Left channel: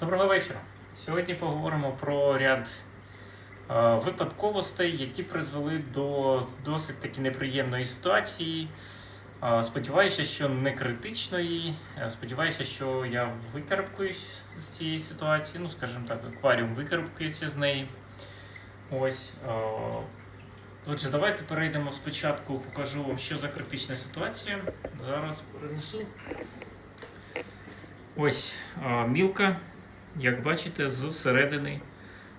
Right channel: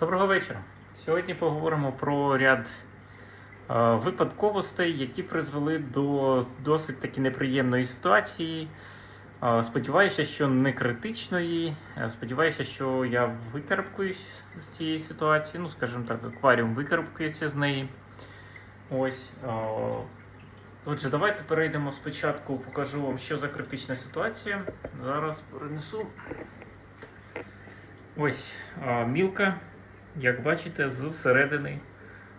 Доброго вечора. Сьогодні поговоримо про ряд е, випадковостей, які призвели до досить таки неприємної ситуації. Е, сподіваюся, що не критичної. Е, Сподіваюся, що я викарабкуюсь з цієї ситуації. Ну, скажімо так, акваріум викарабкується з неї. Ось. е, Отже, давайте перейдемо спочатку, покажу вам, що за критична ситуація. Зараз принесу. Ось а, мілка, як бачите, зсередини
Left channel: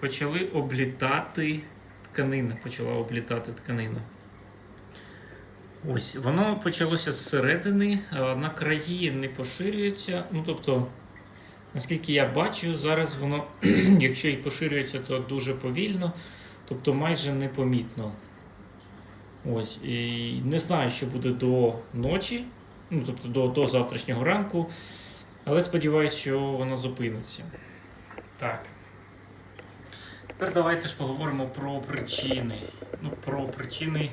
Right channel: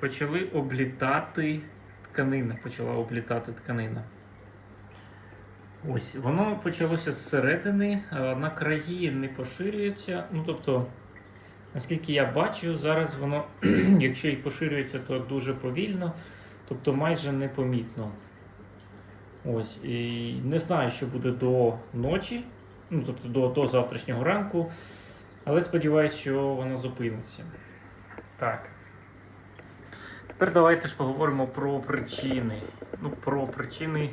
почали облітати тканина. Почала облітати тканина. Ось, воно почалося зсередини, а, на краї не поширюється. Ну, тобто, наскільки я бачу, зараз воно, якщо і поширюється, то дуже повільно, тобто майже непомітно. Ось, і не знаю, що буде до ночі, ну, тобто до, до завтрашнього ранку. Але сподіваюся, що вона зупиниться. Так. Тепер давайте ж поговоримо про причини. Ну, про причини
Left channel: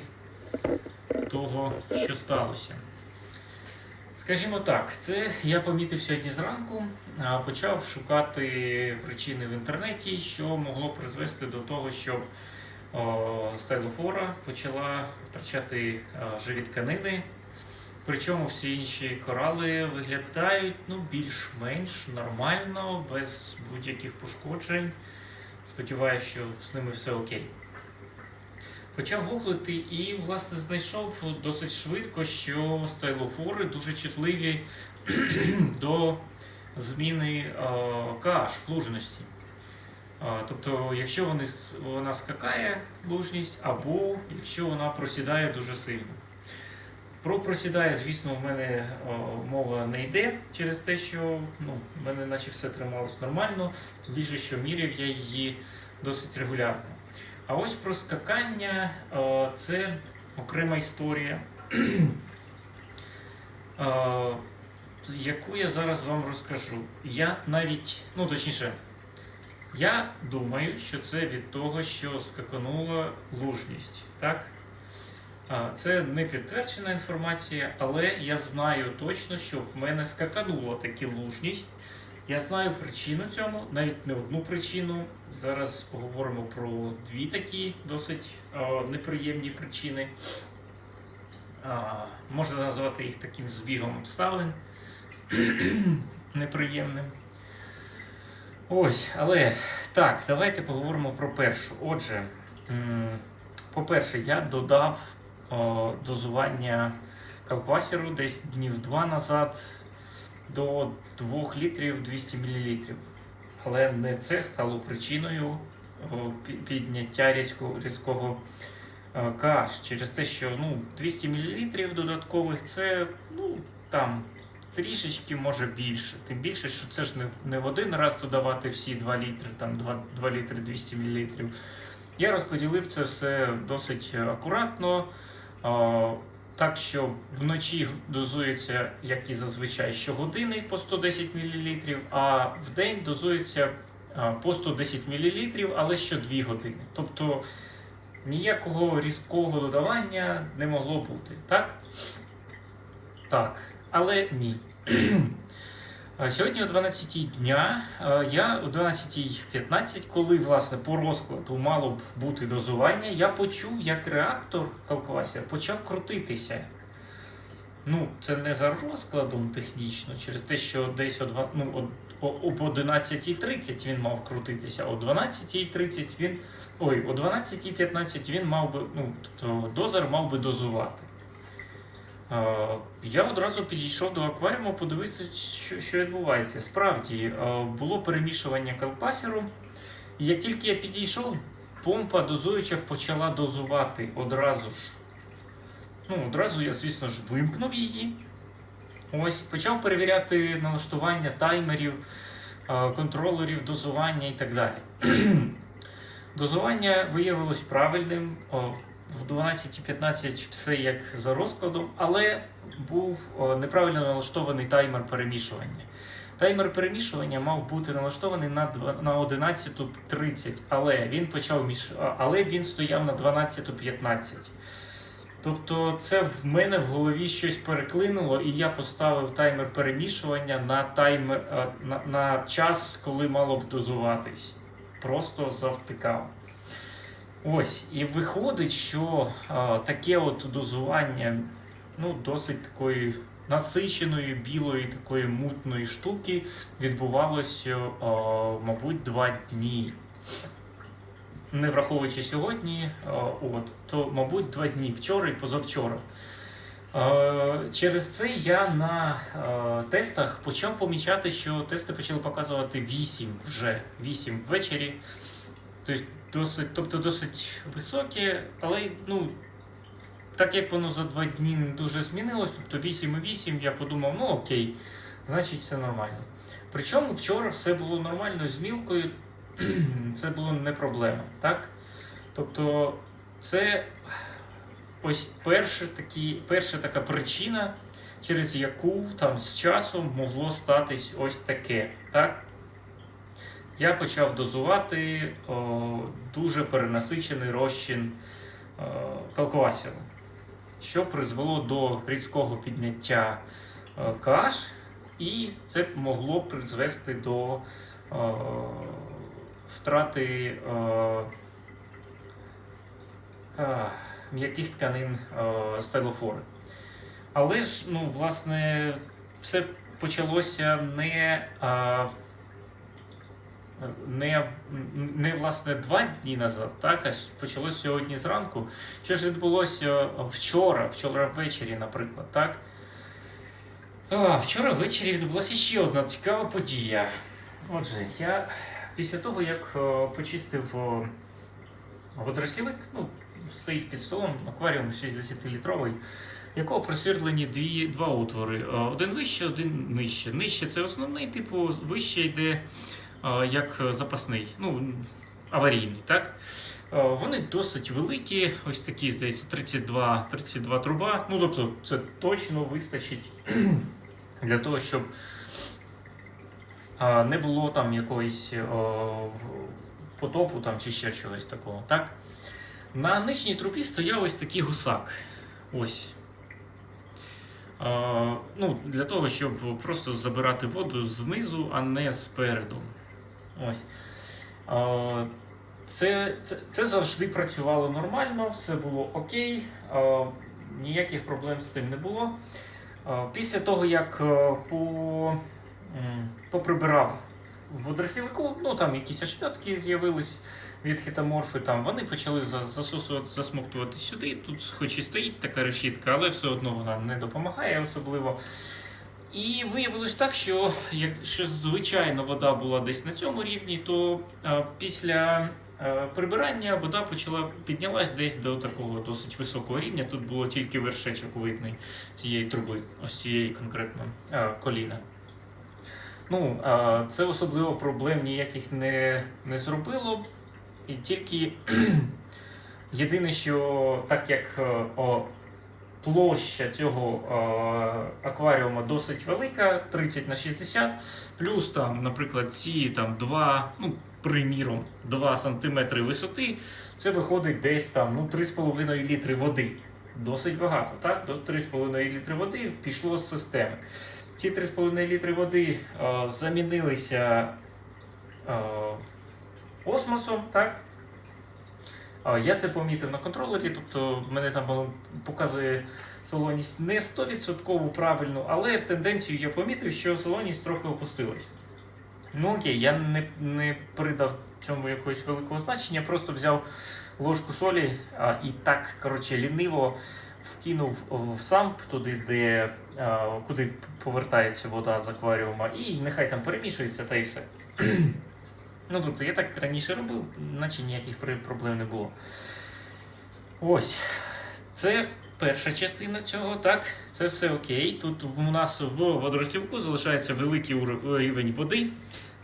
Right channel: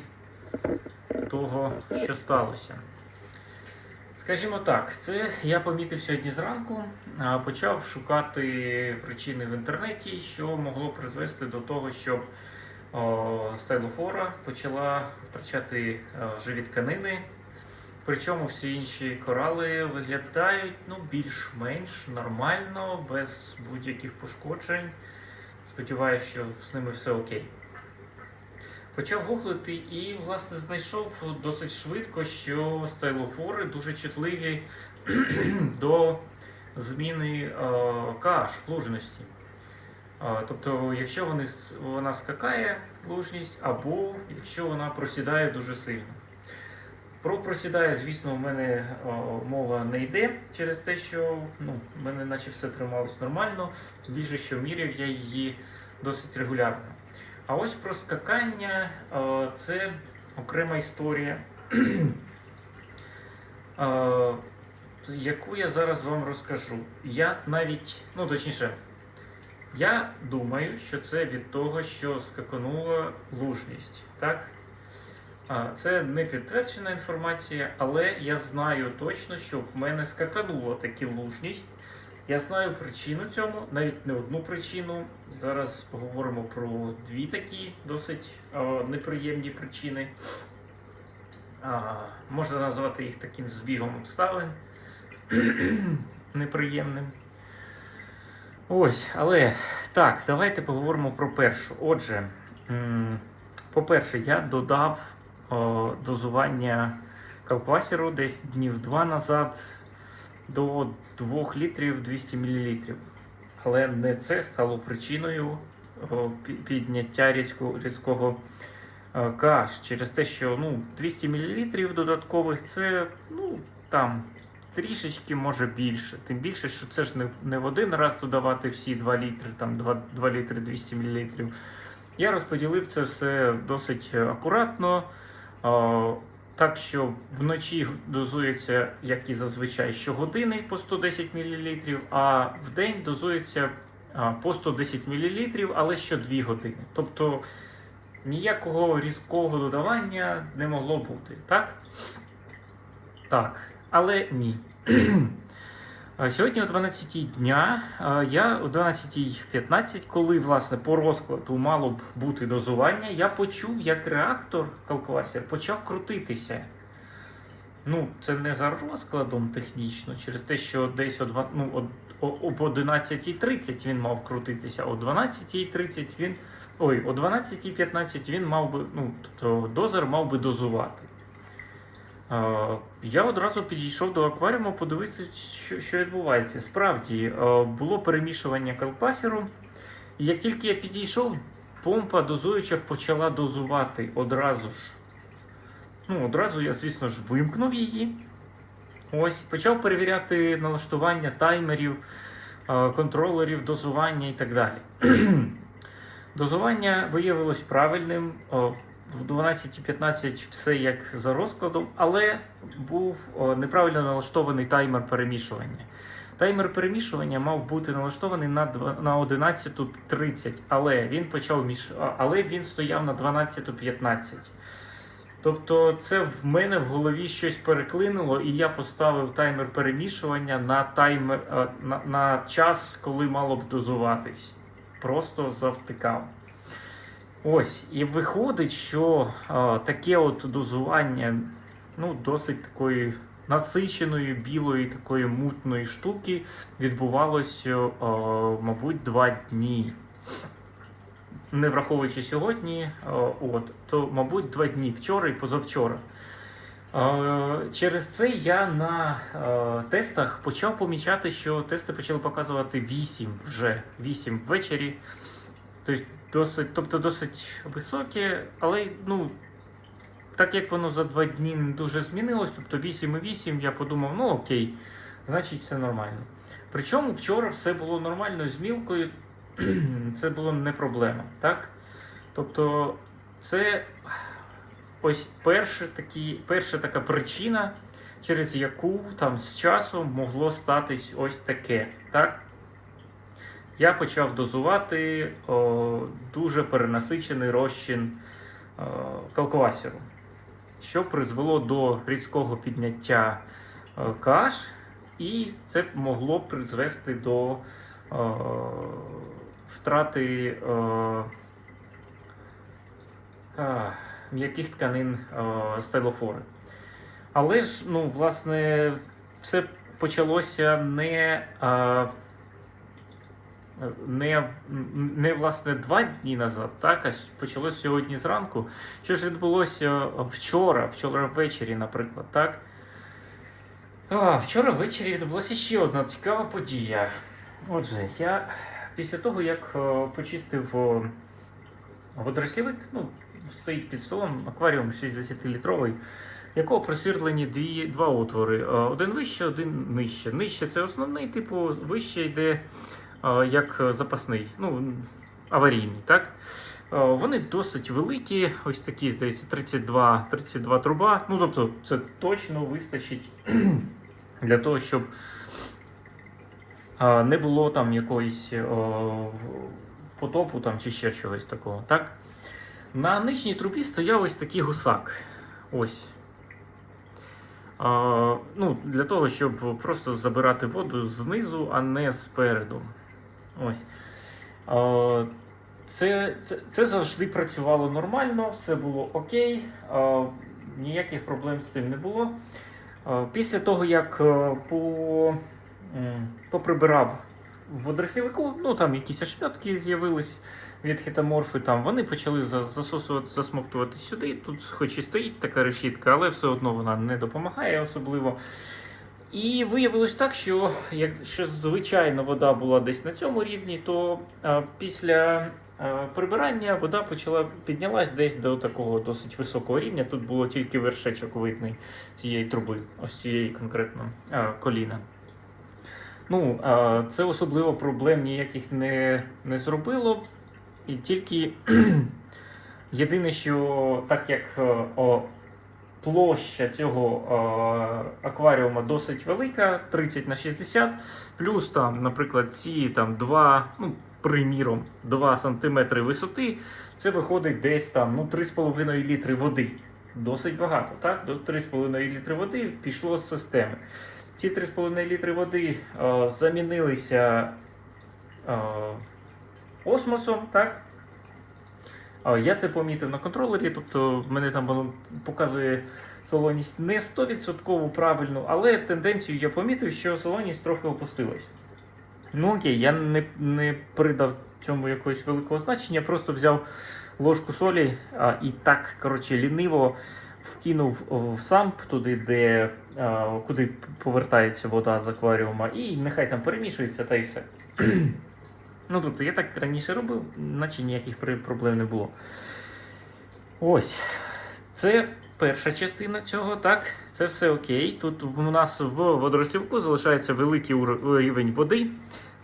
того, що сталося. Скажімо так, це я помітив сьогодні зранку, почав шукати причини в інтернеті, що могло призвести до того, щоб о, стайлофора почала втрачати е, живі тканини. Причому всі інші корали виглядають ну, більш-менш нормально, без будь-яких пошкоджень. Сподіваюся, що з ними все окей. Почав гуглити і, власне, знайшов досить швидко, що стайлофори дуже чутливі до зміни е, kH, лужності. Е, Тобто, якщо вони, вона скакає лужність, або якщо вона просідає дуже сильно. Про просідає, звісно, в мене о, мова не йде через те, що ну, в мене наче все трималось нормально, більше, що міряв я її досить регулярно. А ось про скакання о, це окрема історія, о, яку я зараз вам розкажу. Я навіть, ну точніше, я думаю, що це від того, що скаканула лужність. Так? Це не підтверджена інформація, але я знаю точно, що в мене скаканула таки лужність. Я знаю причину цьому, навіть не одну причину. Зараз поговоримо про дві такі досить неприємні причини. Можна назвати їх таким збігом обставин неприємним. Ось, але так, давайте поговоримо про першу. Отже, по-перше, я додав дозування калпасіру десь днів два назад до 2 літрів 200 мл. Але не це стало причиною підняття різко, різкого е, KH через те, що ну, 200 мл додаткових це ну, там трішечки може більше. Тим більше, що це ж не, не в один раз додавати всі 2 літри, там 2, 2 літри 200 мл. Я розподілив це все досить е, акуратно. О, Так що вночі дозується, як і зазвичай, щогодини по 110 мл, а в день дозується по 110 мл, але що 2 години. Тобто ніякого різкого додавання не могло бути, так? Так, але ні. А Сьогодні о 12 дня, я о 12.15, коли власне по розкладу мало б бути дозування, я почув, як реактор калкуласер почав крутитися. Ну, це не за розкладом технічно, через те, що десь о, два- ну, о, о, об 11.30 він мав крутитися, о 12.30 він. Ой, о 12.15 він мав би, ну, тобто дозер мав би дозувати. Е, Я одразу підійшов до акваріуму, подивитися, що, що відбувається. Справді е, було перемішування калпасіру. Як тільки я підійшов, помпа дозуюча почала дозувати одразу ж. Ну, одразу я, звісно ж, вимкнув її. Ось, почав перевіряти налаштування таймерів, е, контролерів, дозування і так далі. Дозування виявилось правильним. В 12.15 все як за розкладом, але був неправильно налаштований таймер перемішування. Таймер перемішування мав бути налаштований на, на 11.30, але він почав міш... але він стояв на 12.15. Тобто, це в мене в голові щось переклинуло, і я поставив таймер перемішування на таймер е, на, на час, коли мало б дозуватись. Просто завтикав. Ось, і виходить, що е, таке от дозування ну, досить такої насиченої, білої, такої мутної штуки відбувалося, е, мабуть, два дні. Не враховуючи сьогодні, е, от, то, мабуть, два дні вчора і позавчора. Е, Через це я на е, тестах почав помічати, що тести почали показувати 8 вже 8 ввечері. Тобто досить, тобто досить високі, але ну, так як воно за два дні не дуже змінилось, тобто 8,8, я подумав, ну окей, значить все нормально. Причому вчора все було нормально з мілкою, це було не проблема, так? Тобто, це ось перша, такі, перша така причина, через яку там з часом могло статись ось таке. Так? Я почав дозувати о, дуже перенасичений розчин о, що призвело до різкого підняття каш, і це могло призвести до е, втрати м'яких тканин стелофори. Але ж, ну, власне, все почалося не, е, не, не власне два дні назад, так, а почалося сьогодні зранку. Що ж відбулося вчора, вчора ввечері, наприклад, так? А, вчора ввечері відбулася ще одна цікава подія. Отже, я після того, як е, почистив е, водоростілик, ну, стоїть під столом акваріум 60-літровий, якого просвірлені дві, два отвори. Е, Один вище, один нижче. Нижче це основний, типу, вище йде як запасний, ну, аварійний, так? Е, Вони досить великі, ось такі, здається, 32, 32 труба. Ну, тобто, це точно вистачить для того, щоб не було там якоїсь е, потопу там, чи ще чогось такого. Так? На нижній трубі стояв ось такий гусак. Ось. А, ну, для того, щоб просто забирати воду знизу, а не спереду. Ось. Це, це, це завжди працювало нормально, все було окей, ніяких проблем з цим не було. Після того, як е, по, поприбирав в водоростівнику, ну там якісь ошметки з'явились від хітоморфи, там вони почали засосувати, засмоктувати сюди. Тут, хоч і стоїть така решітка, але все одно вона не допомагає особливо. І виявилось так, що якщо звичайно вода була десь на цьому рівні, то після прибирання вода почала піднялась десь до такого досить високого рівня. Тут було тільки вершечок видний цієї труби, ось цієї конкретно коліна. Ну, це особливо проблем ніяких не, не зробило. І тільки єдине, що так як о, площа цього е, акваріума досить велика, 30 на 60, плюс там, наприклад, ці там 2, ну, приміром, 2 см висоти, це виходить десь там ну, 3,5 літри води. Досить багато, так? До 3,5 літри води пішло з системи. Ці 3,5 літри води е, замінилися е, осмосом, так? Я це помітив на контролері, тобто мене там показує солоність не 100% правильно, але тенденцію я помітив, що солоність трохи опустилась. Ну окей, я не, не придав цьому якогось великого значення, просто взяв ложку солі а, і так, коротше, ліниво вкинув в самп туди, де, а, куди повертається вода з акваріума, і нехай там перемішується та і все. Ну, тобто я так раніше робив, наче ніяких проблем не було. Ось. Це перша частина цього, так, це все окей. Тут в нас в водоростівку залишається великий рівень води.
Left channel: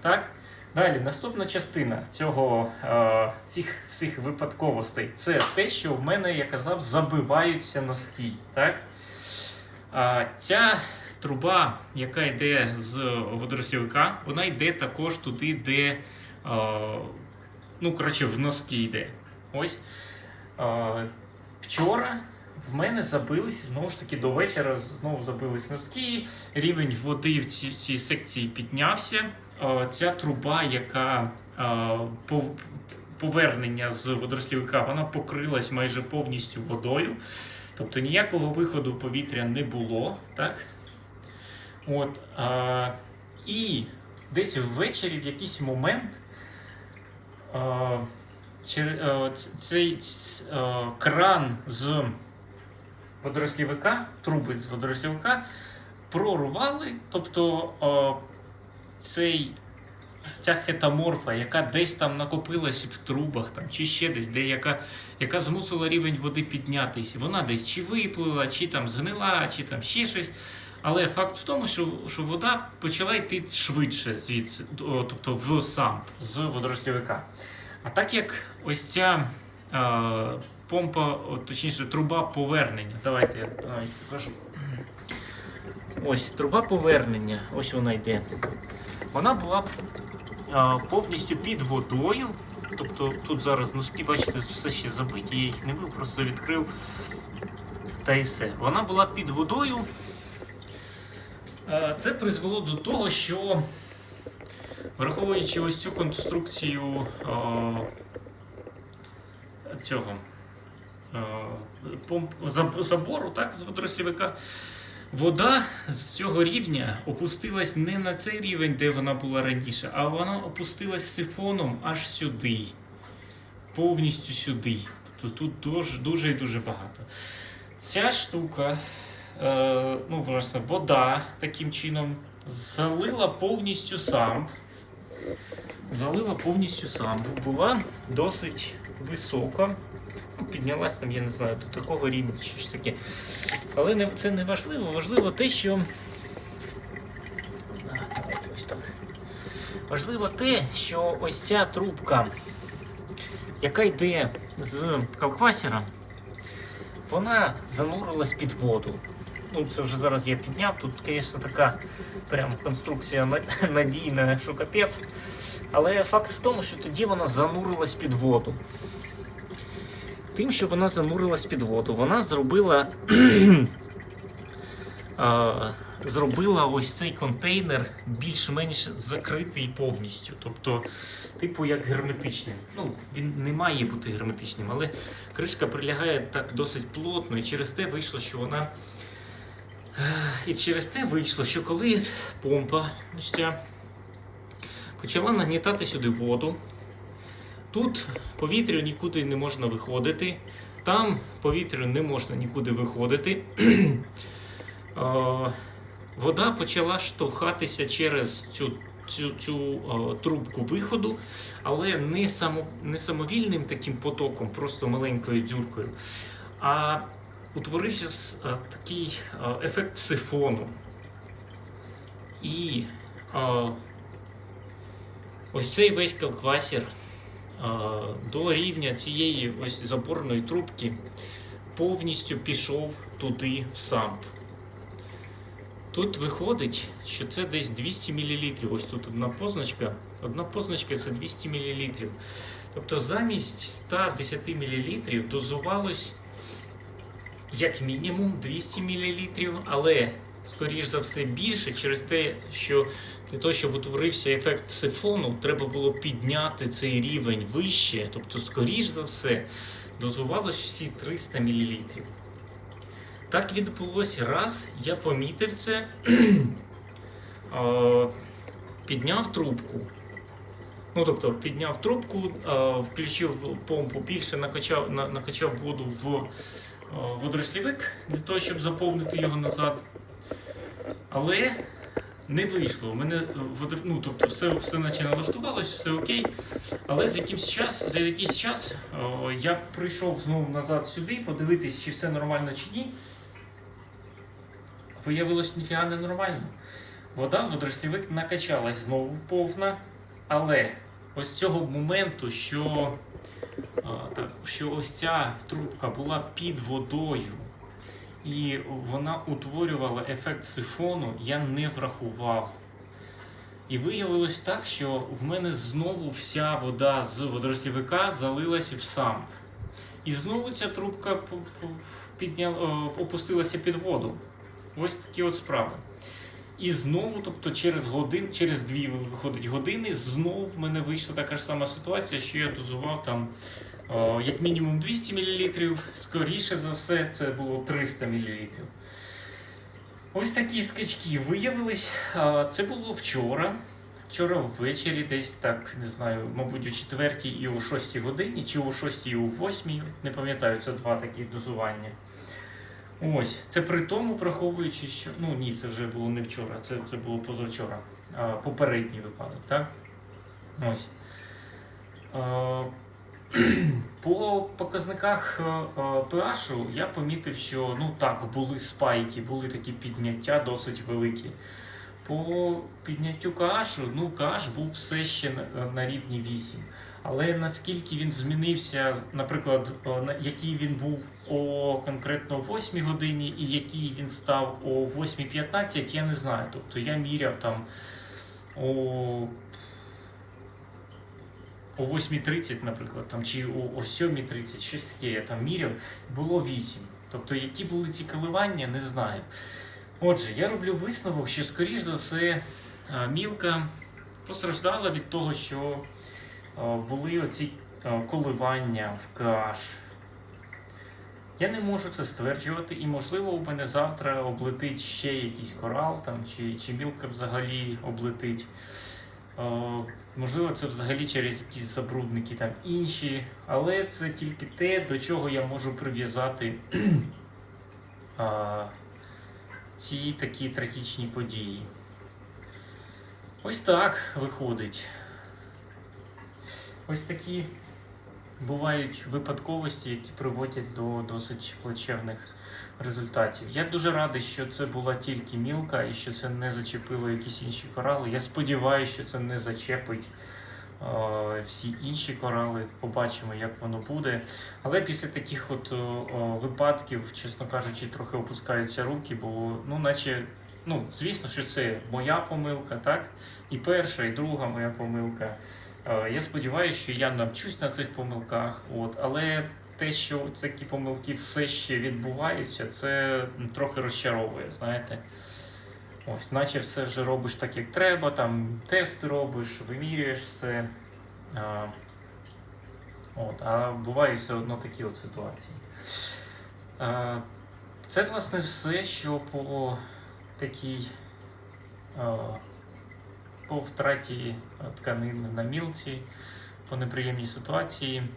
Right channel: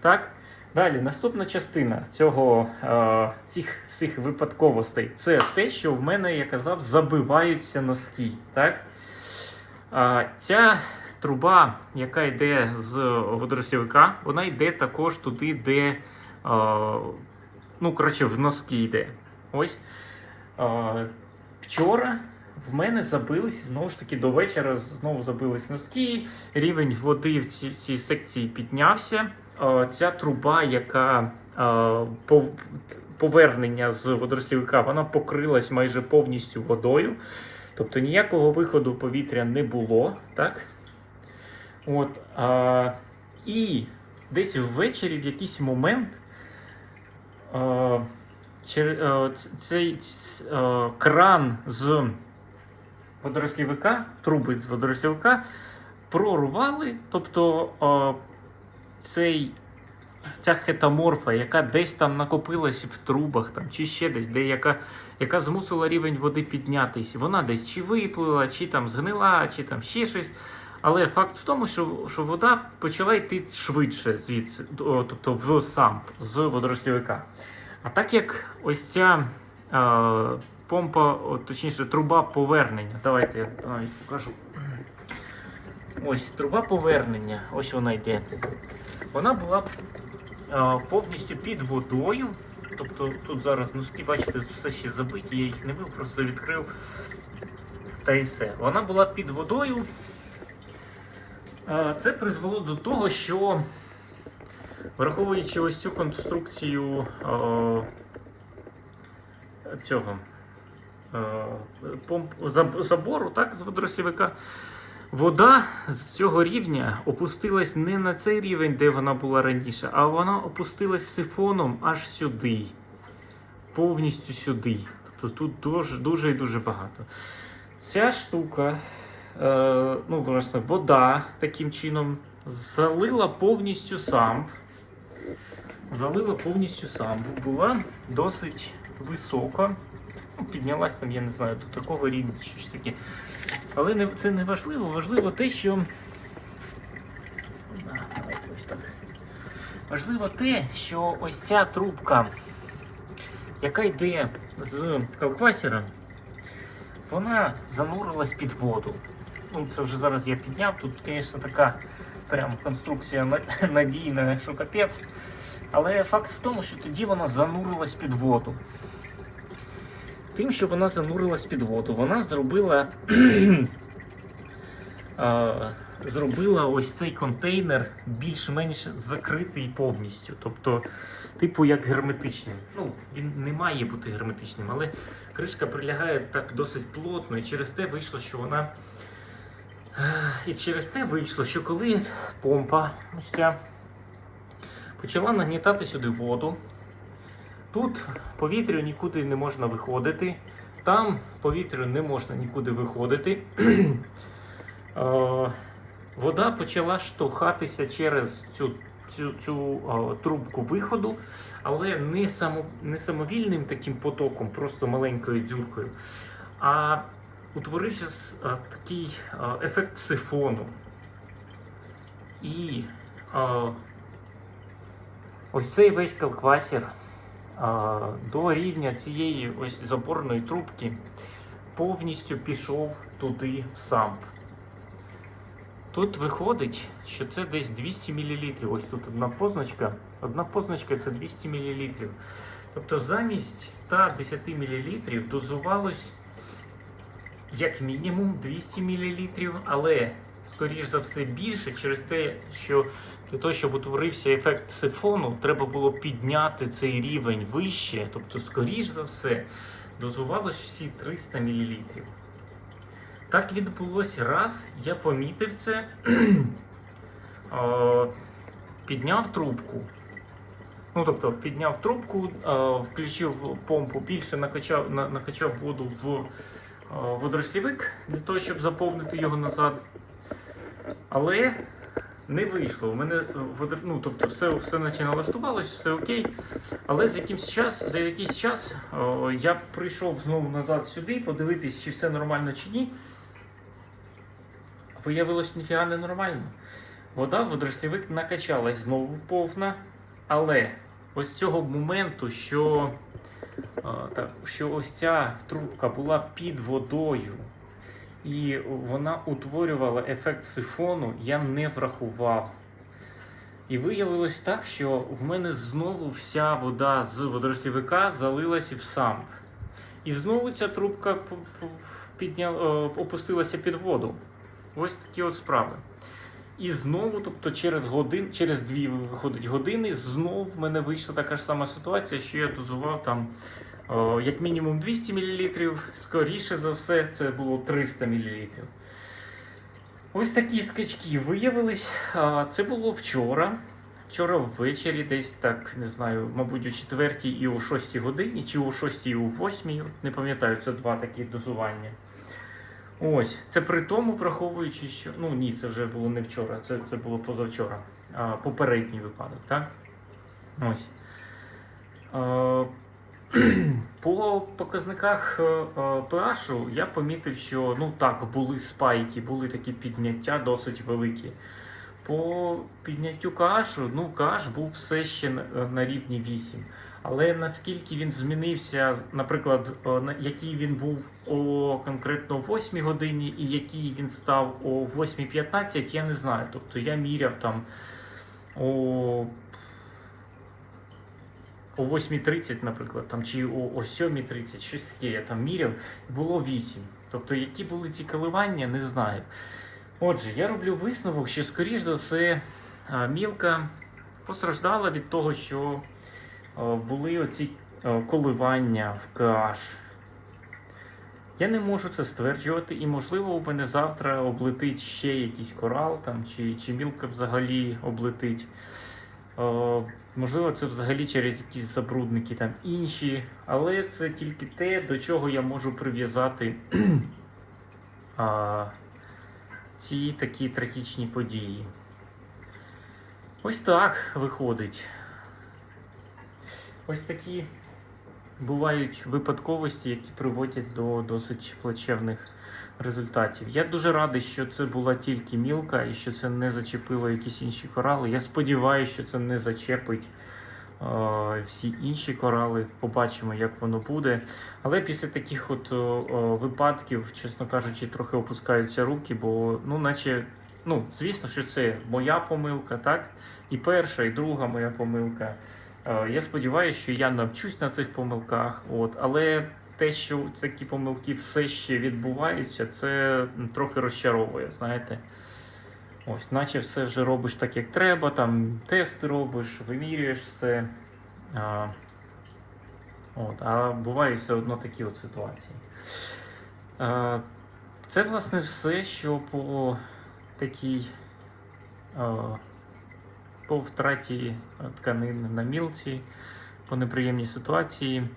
Так. Далі, наступна частина цього, е, цих, цих випадковостей це те, що в мене, я казав, забиваються носки. Так? А, ця труба, яка йде з водоростівника, вона йде також туди, де ну, коротше, в носки йде. Ось. Вчора в мене забились знову ж таки до вечора. Знову забились носки. Рівень води в цій, цій секції піднявся. Ця труба, яка пов- повернення з водорослівика, вона покрилась майже повністю водою. Тобто ніякого виходу повітря не було. Так? От, а, і десь ввечері в якийсь момент цей кран з водорослівика, труби з водорослівика прорвали. Тобто цей, ця хетаморфа, яка десь там накопилась в трубах там, чи ще десь, де яка, яка змусила рівень води піднятися, вона десь чи виплила, чи там згнила, чи там ще щось. Але факт в тому, що, що вода почала йти швидше звідси, тобто в сам з водорослівика. А так як ось ця е, помпа, точніше, труба повернення. Давайте я навіть покажу. Ось труба повернення, ось вона йде. Вона була е, повністю під водою. Тобто тут зараз носки, бачите, все ще забиті, я їх не бив, просто відкрив. Та і все. Вона була під водою. Е, Це призвело до того, що враховуючи ось цю конструкцію е, цього е, забору так, з водорослівика, вода з цього рівня опустилась не на цей рівень, де вона була раніше, а вона опустилась сифоном аж сюди. Повністю сюди. Тобто тут дуже, і дуже багато. Ця штука ну, власне, вода таким чином залила повністю самп. Залила повністю самп. Була досить висока. Ну, піднялась там, я не знаю, до такого рівня чи щось таке. Але не, це не важливо. Важливо те, що. Так. Важливо те, що ось ця трубка, яка йде з калквасера, вона занурилась під воду. Ну, це вже зараз я підняв. Тут, звісно, така прям конструкція надійна, що капець. Але факт в тому, що тоді вона занурилась під воду. Тим, що вона занурилась під воду, вона зробила, зробила ось цей контейнер більш-менш закритий повністю. Тобто, типу як герметичним. Ну, він не має бути герметичним, але кришка прилягає так досить плотно, і через те вийшло, що вона. І через те вийшло, що коли помпа ось ця почала нагнітати сюди воду, тут повітря нікуди не можна виходити, там повітря не можна нікуди виходити. Е, Вода почала штовхатися через цю, цю, цю е, трубку виходу, але не, само, не самовільним таким потоком, просто маленькою дзюркою, а утворився такий ефект сифону. І а, ось цей весь калквасір а, до рівня цієї ось заборної трубки повністю пішов туди в самп. Тут виходить, що це десь 200 мл. Ось тут одна позначка. Одна позначка це 200 мл. Тобто замість 110 мл дозувалось як мінімум 200 мл, але скоріш за все більше через те, що для того, щоб утворився ефект сифону, треба було підняти цей рівень вище, тобто, скоріш за все, дозувалось всі 300 мл. Так відбулося раз, я помітив це, підняв трубку. Ну, тобто, підняв трубку, включив помпу, більше накачав, накачав воду в е, для того, щоб заповнити його назад. Але не вийшло. У мене е, ну, тобто все, все наче налаштувалось, все окей. Але за якийсь час, за якийсь час о, я прийшов знову назад сюди, подивитись, чи все нормально чи ні. Виявилось ніфіга не нормально. Вода в накачалась знову повна, але ось цього моменту, що, що ось ця трубка була під водою, і вона утворювала ефект сифону, я не врахував. І виявилось так, що в мене знову вся вода з водорослівика залилась в самп. І знову ця трубка п- п- підня... е, опустилася під воду. Ось такі от справи. І знову, тобто через годин, через дві виходить години, знову в мене вийшла така ж сама ситуація, що я дозував там е, як мінімум 200 мл, скоріше за все, це було 300 мл. Ось такі скачки виявились. Це було вчора. Вчора ввечері, десь так, не знаю, мабуть, о 4 і о 6 годині, чи о 6 і о 8, не пам'ятаю, це два такі дозування. Ось, це при тому, враховуючи, що. Ну ні, це вже було не вчора, це, це було позавчора. А, попередній випадок, так? Ось. А, по показниках е, е, pH я помітив, що ну так, були спайки, були такі підняття досить великі. По підняттю KH, ну KH був все ще на, на рівні 8. Але наскільки він змінився, наприклад, е, який він був о конкретно о 8 годині і який він став о 8.15, я не знаю. Тобто я міряв там о о 8.30, наприклад, там, чи о, о 7.30, щось таке я там міряв, було 8. Тобто, які були ці коливання, не знаю. Отже, я роблю висновок, що, скоріш за все, мілка постраждала від того, що були оці коливання в KH. Я не можу це стверджувати, і можливо у мене завтра облетить ще якийсь корал, там, чи, чи мілка взагалі облетить. Е, Можливо, це взагалі через якісь забрудники там інші, але це тільки те, до чого я можу прив'язати ці такі трагічні події. Ось так виходить. Ось такі бувають випадковості, які приводять до досить плачевних результатів. Я дуже радий, що це була тільки мілка і що це не зачепило якісь інші корали. Я сподіваюся, що це не зачепить всі інші корали. Побачимо, як воно буде. Але після таких от о, о, випадків, чесно кажучи, трохи опускаються руки, бо ну, наче. Ну, звісно, що це моя помилка, так? І перша, і друга моя помилка. Е, Я сподіваюся, що я навчусь на цих помилках, от, але те, що такі помилки все ще відбуваються, це трохи розчаровує, знаєте. Ось, наче все вже робиш так, як треба, там тести робиш, вимірюєш все. А, от, а бувають все одно такі от ситуації. А, це, власне, все, що по такій. По втраті тканин на мілці, по неприємній ситуації.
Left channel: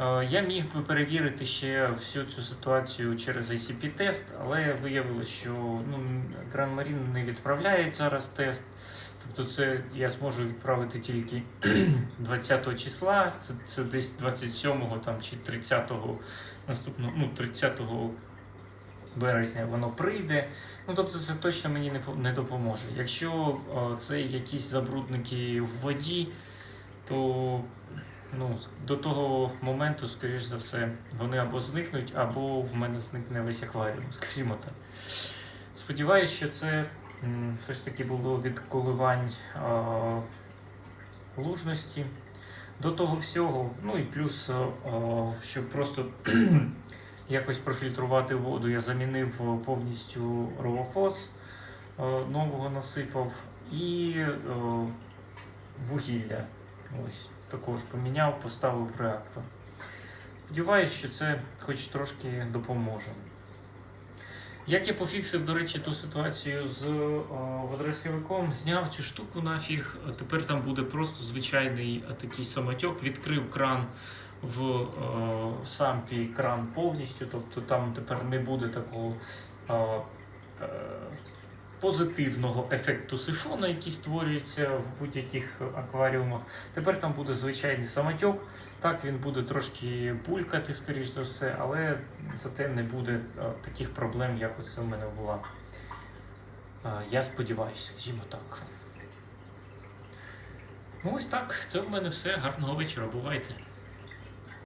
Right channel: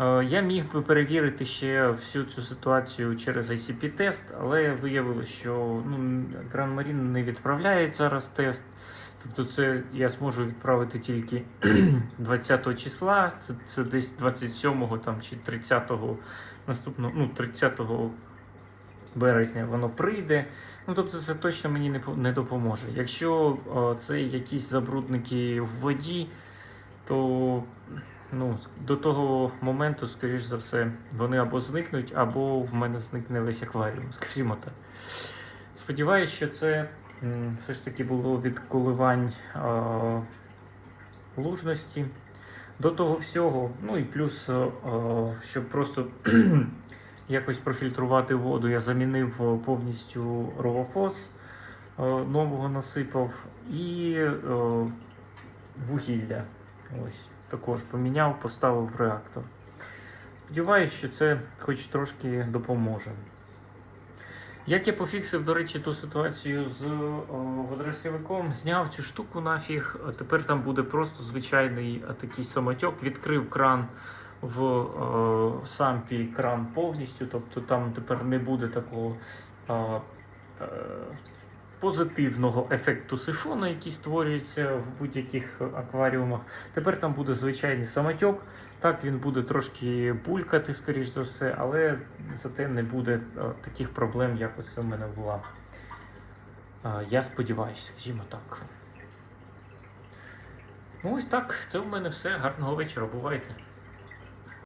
Е, Я міг би перевірити ще всю цю ситуацію через ICP-тест, але виявилося, що ну, Grand Marine не відправляє зараз тест. Тобто це я зможу відправити тільки 20 числа, це, це десь 27-го там, чи 30-го наступного, ну, 30-го березня воно прийде. Ну, тобто це точно мені не, не допоможе. Якщо е, це якісь забрудники в воді, то ну, до того моменту, скоріш за все, вони або зникнуть, або в мене зникне весь акваріум, скажімо так. Сподіваюсь, що це все ж таки було від коливань е, лужності. До того всього, ну і плюс, е, е, щоб просто якось профільтрувати воду, я замінив е, повністю ровофос, е, нового насипав і е, вугілля. Ось також поміняв, поставив реактор. Сподіваюсь, що це хоч трошки допоможе. Як я пофіксив, до речі, ту ситуацію з о, зняв цю штуку нафіг, тепер там буде просто звичайний такий самотьок, відкрив кран в е, сампі кран повністю, тобто там тепер не буде такого е, е, позитивного ефекту сифона, який створюється в будь-яких акваріумах. Тепер там буде звичайний самотьок. Так, він буде трошки булькати, скоріш за все, але зате не буде е, таких проблем, як ось у мене була. Е, Я сподіваюся, скажімо так. Ну ось так, це в мене все. Гарного вечора, бувайте.